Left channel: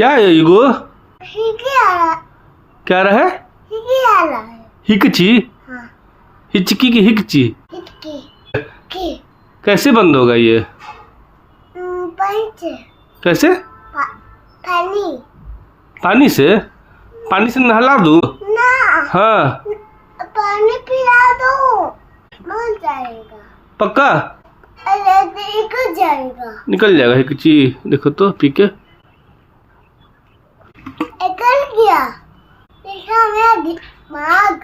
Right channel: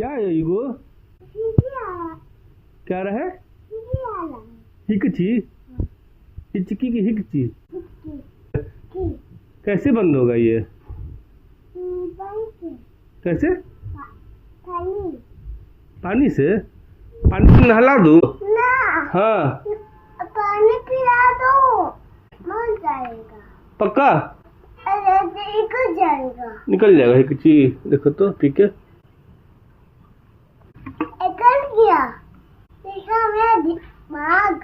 क्या है ego? Hicky आ रहा क्या रहा है? हिकी आ रहा है। हिकची? हाँ हिचकी की हिकची? हिकी की कैसे बंद होगा ये? पंच कैसे? पानी पानी से? पानी से नहला दूँ? ना हाँ पानी पिला दो मर जाएगा। पक्का? अरे निकल जाएगा। निकल जाएगा हिकची। देखो तो पी के। निकल गया। देखा मेरा दिमाग।